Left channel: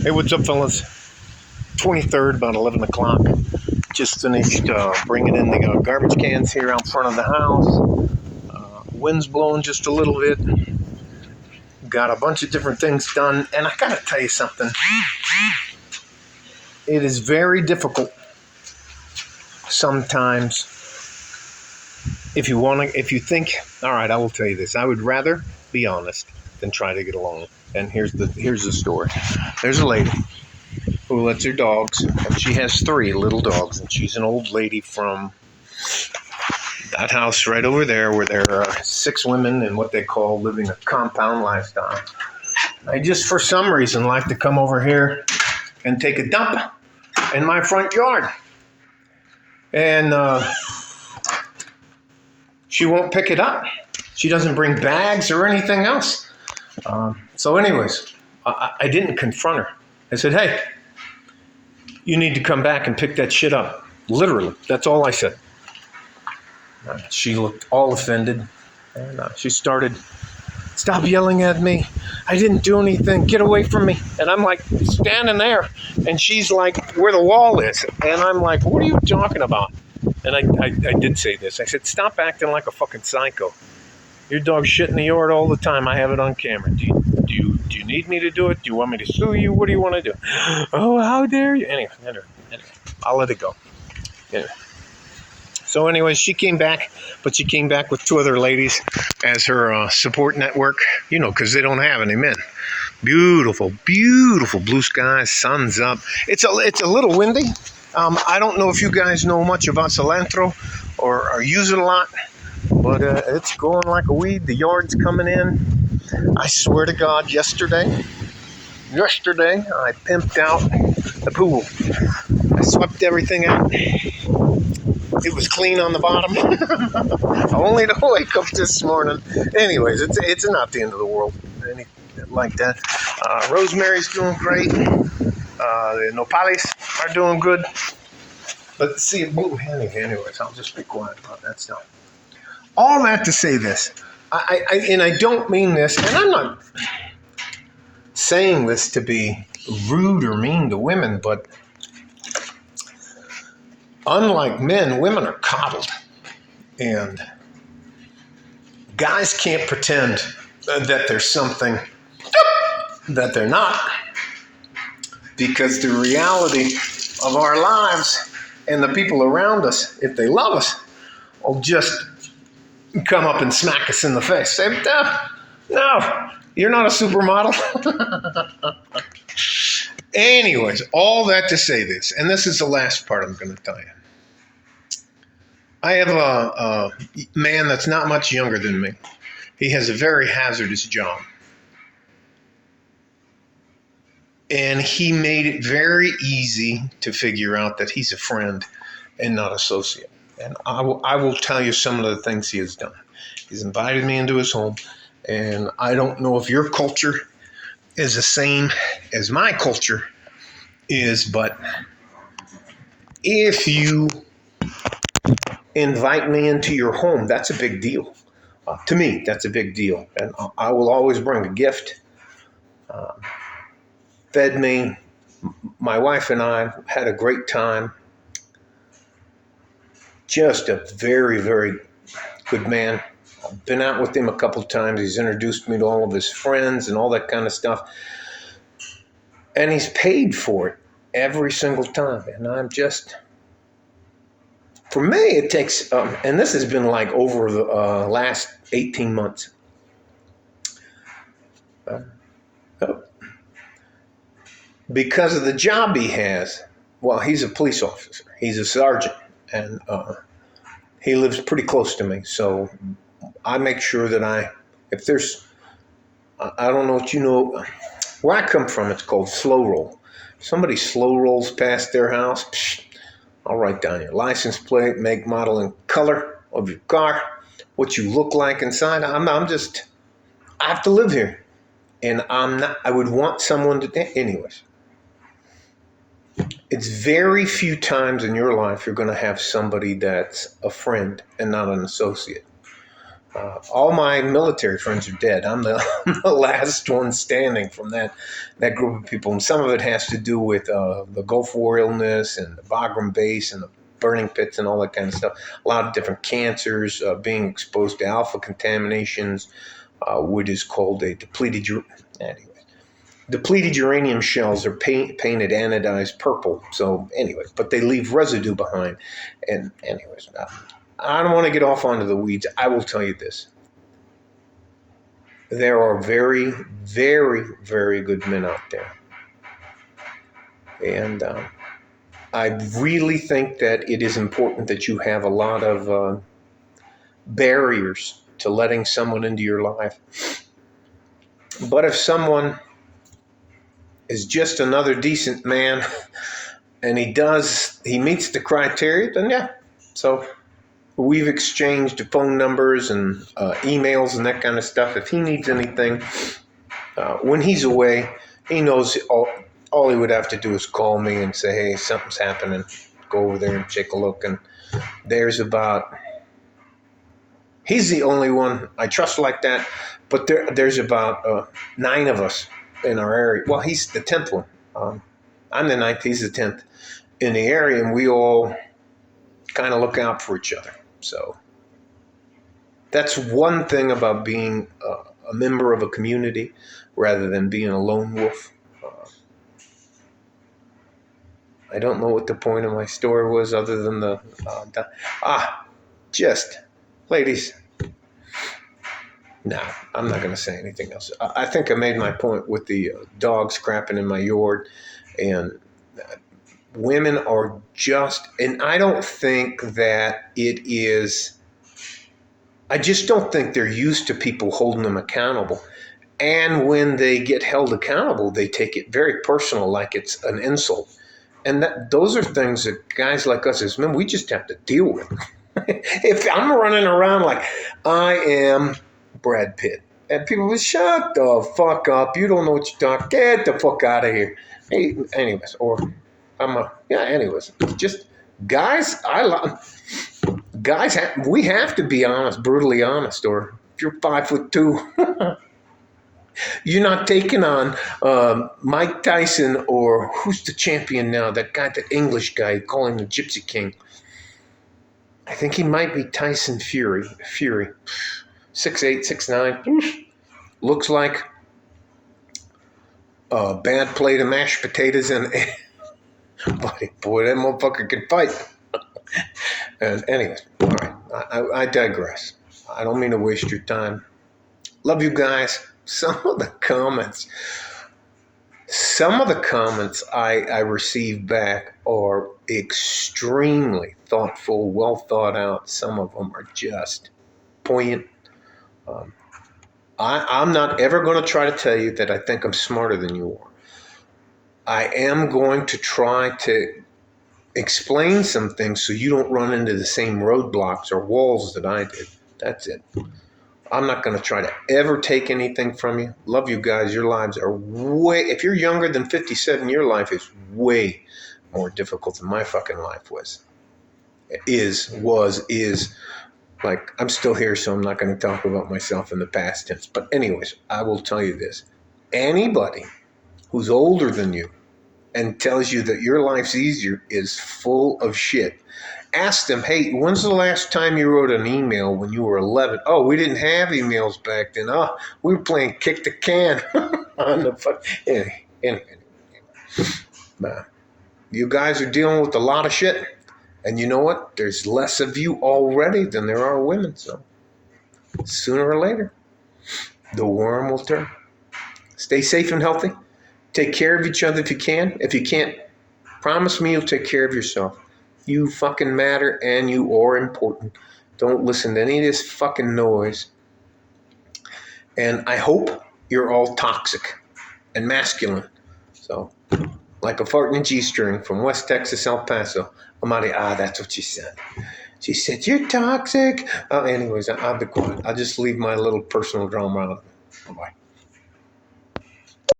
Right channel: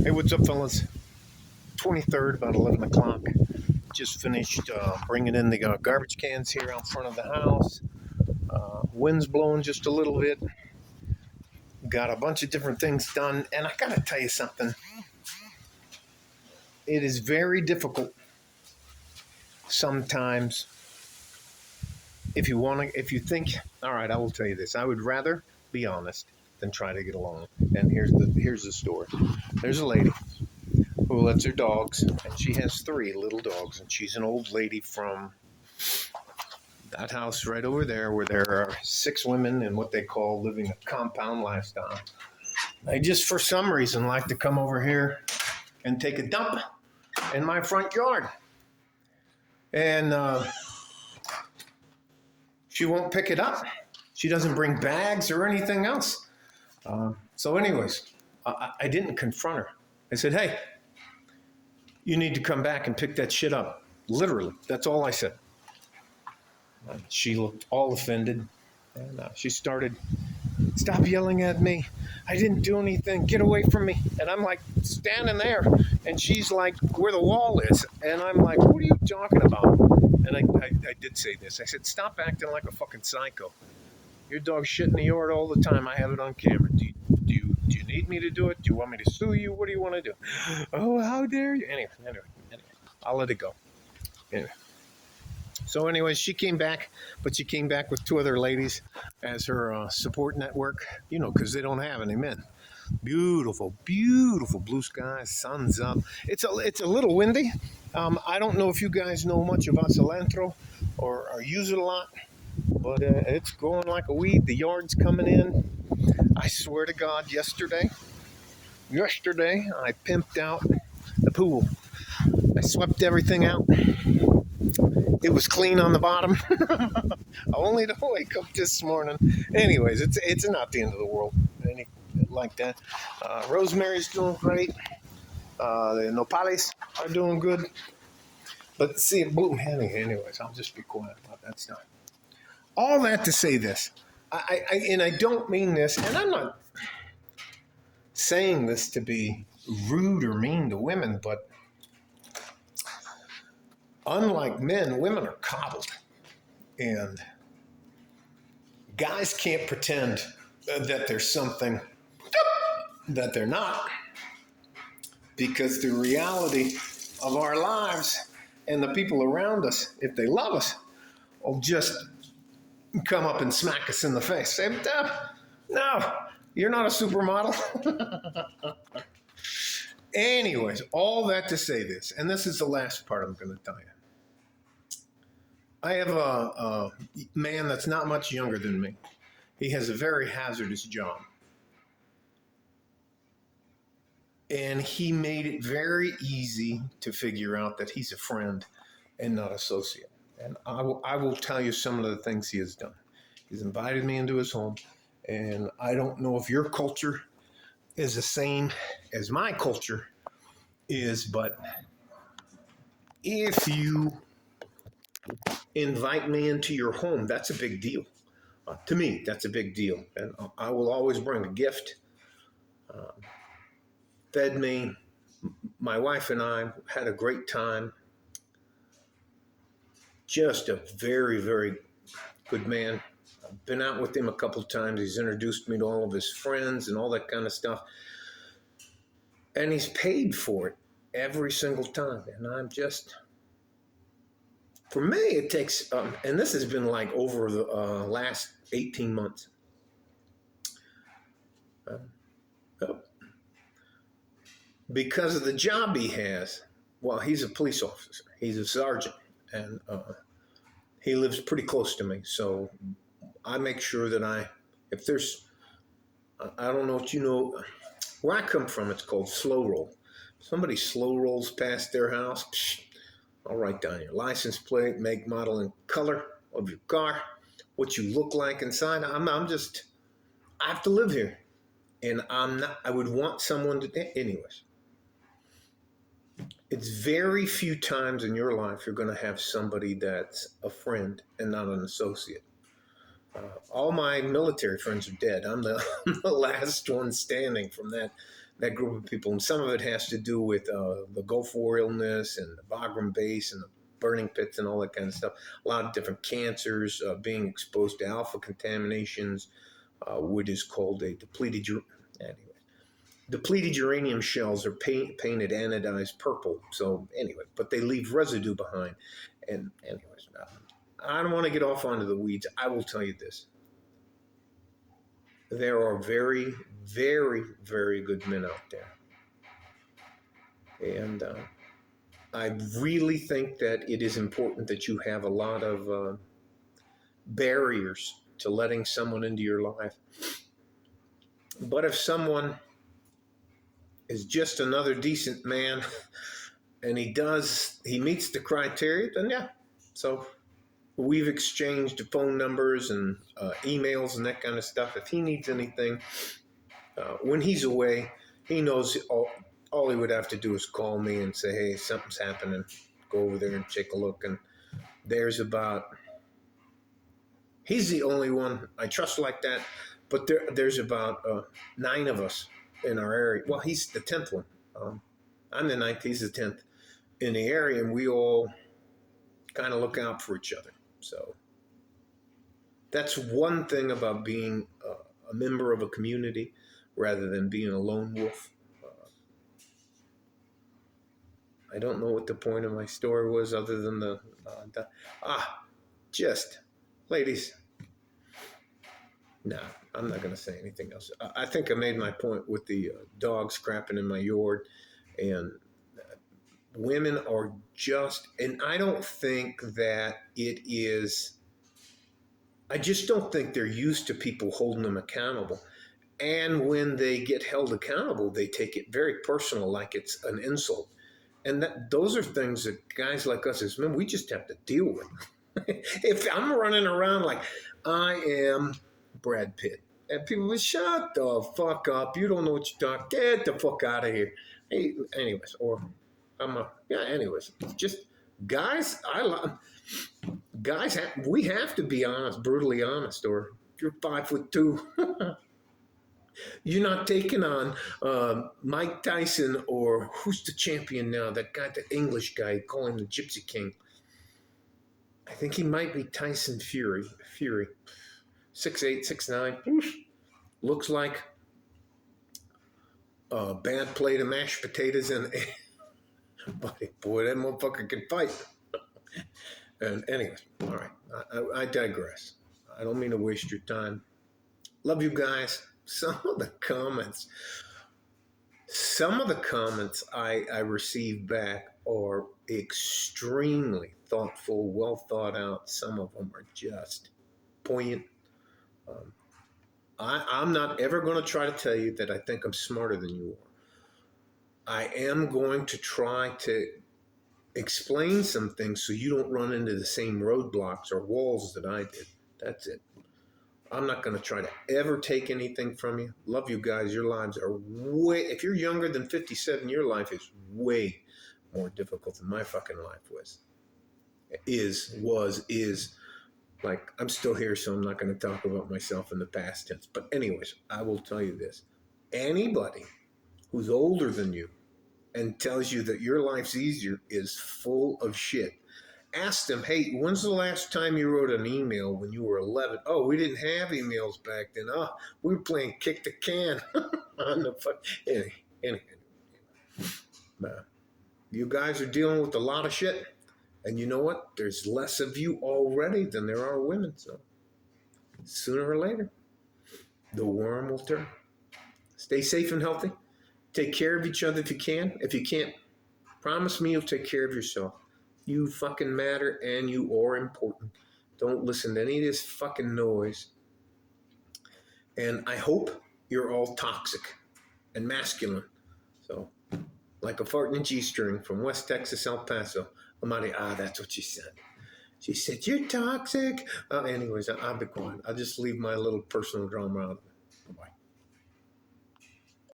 Hey, what's up, fellas? 23rd, about 11 o'clock. Just finished bringing in the garbage cans here out front of the house. Wind's blowing just a little bit. Got a bunch of different things done. And I gotta tell you something. It is very difficult sometimes if you think, all right, I will tell you this. I would rather be honest than try to get along. And here's the story. There's a lady who lets her dogs, and she has 3 little dogs, and she's an old lady from that house right over there where there are 6 women in what they call living a compound lifestyle. I just, for some reason, like to come over here and take a dump in my front yard. And she won't pick it up. She doesn't bring bags or anything else. So anyways, I didn't confront her. I said, hey, you need to come back and pick that shit up. Literally, that's all I said. She looked all offended, and she started, stop yelling at me. I didn't do anything. Get away from me. And I'm like standing there, and she's like where the wall is. And I'm like, what are you talking about? And I did say this. I said, stop acting like a fucking psycho. Your dog's shit in the yard all the time. I have it on camera. Do you need me to do it? Do you want me to sue you? What do you want to do? Oh, how dare you? Anyway, I'll let it go. Anyway. So anyways, she came back, but she came back with 2 other ladies as her support network, because they don't have any men. Beautiful, beautiful blue skies, sun's up. It's a little windy. I don't know if you guys know much about cilantro or use it a lot, but it's growing like a weed. The yard's coming in. I swear to God, yesterday I pimped out the pool. I swept everything out. It was clean on the bottom. Only to wake up this morning. Anyways, it's not the end of the world. Anything like that. Rosemary's doing great. The nopales are doing good. But see, anyways, I'll just be quiet about that stuff. All that to say this. I don't mean this, and I'm not saying this to be rude or mean to women, but unlike men, women are coddled. And guys can't pretend that there's something that they're not, because the reality of our lives and the people around us, if they love us, will just come up and smack us in the face. Say, no, you're not a supermodel. Anyways, all that to say this, and this is the last part I'm going to tell you. I have a man that's not much younger than me. He has a very hazardous job. And he made it very easy to figure out that he's a friend and not associate. And I will tell you some of the things he has done. He's invited me into his home, and I don't know if your culture is the same as my culture is, but if you invite me into your home, that's a big deal. To me, that's a big deal. And I will always bring a gift. Fed me. My wife and I had a great time. Just a very, very good man. I've been out with him a couple of times. He's introduced me to all of his friends and all that kind of stuff. And he's paid for it every single time. And I'm just, for me, it takes, and this has been like over the last 18 months. Because of the job he has, well, he's a police officer. He's a sergeant. And he lives pretty close to me. So I make sure that if there's, I don't know what you know, where I come from, it's called slow roll. If somebody slow rolls past their house, I'll write down your license plate, make, model, and color of your car, what you look like inside. I have to live here. And I would want someone to, anyways. It's very few times in your life you're going to have somebody that's a friend and not an associate. All my military friends are dead. I'm the, I'm the last one standing from that group of people. And some of it has to do with the Gulf War illness and the Bagram base and the burning pits and all that kind of stuff. A lot of different cancers, being exposed to alpha contaminations, what is called a depleted uranium shells are painted anodized purple. So anyway, but they leave residue behind. And anyways, I don't want to get off onto the weeds. I will tell you this. There are very, very, very good men out there. And I really think that it is important that you have a lot of barriers to letting someone into your life. But if someone is just another decent man and he meets the criteria, then yeah. So we've exchanged phone numbers and emails and that kind of stuff. If he needs anything, when he's away, he knows all he would have to do is call me and say, hey, something's happening. Go over there and take a look. And he's the only one I trust like that. But there's about 9 of us in our area. Well, he's the 10th one. I'm the 9th, he's the 10th in the area. And we all kind of look out for each other. So that's one thing about being a member of a community rather than being a lone wolf. I don't know what the point of my story was other than ladies. No, I'm not going to say anything else. I think I made my point with the dogs crapping in my yard, and women are just, and I don't think that it is, I just don't think they're used to people holding them accountable. And when they get held accountable, they take it very personal, like it's an insult. And those are things that guys like us as men, we just have to deal with. If I'm running around like I am Brad Pitt, and people will shut the fuck up. You don't know what you're talking. Get the fuck out of here. Hey, anyways, or anyways, just guys. We have to be honest, brutally honest. Or if you're 5'2", you're not taking on Mike Tyson or who's the champion now? That guy, the English guy, call him the Gypsy King. I think he might be Tyson Fury. 6'8", 6'9". Looks like a bad plate of mashed potatoes and boy, that motherfucker can fight. And anyways, all right, I digress. I don't mean to waste your time. Love you guys. Some of the comments I received back are extremely thoughtful, well thought out. Some of them are just poignant. I'm not ever going to try to tell you that I think I'm smarter than you are. I am going to try to explain some things so you don't run into the same roadblocks or walls that I did. That's it. I'm not going to try to ever take anything from you. Love you guys. Your lives are if you're younger than 57, your life is way more difficult than my fucking life was. Is. Like, I'm still here, so I'm not going to talk about myself in the past tense. But anyways, I will tell you this. Anybody who's older than you and tells you that your life's easier is full of shit. Ask them, hey, when's the last time you wrote an email when you were 11? Oh, we didn't have emails back then. Oh, we were playing kick the can on the fuck. Anyway. You guys are dealing with a lot of shit. And you know what? There's less of you already than there are women. So sooner or later, the worm will turn. Stay safe and healthy. Take care of each other if you can. If you can't, promise me you'll take care of yourself. You fucking matter and you are important. Don't listen to any of this fucking noise. And I hope you're all toxic and masculine. So, like a fart in a G-string from West Texas, El Paso. Amadi, that's what she said. She said, you're toxic. Anyways, I'll be quiet. I'll just leave my little personal drama out. Bye-bye.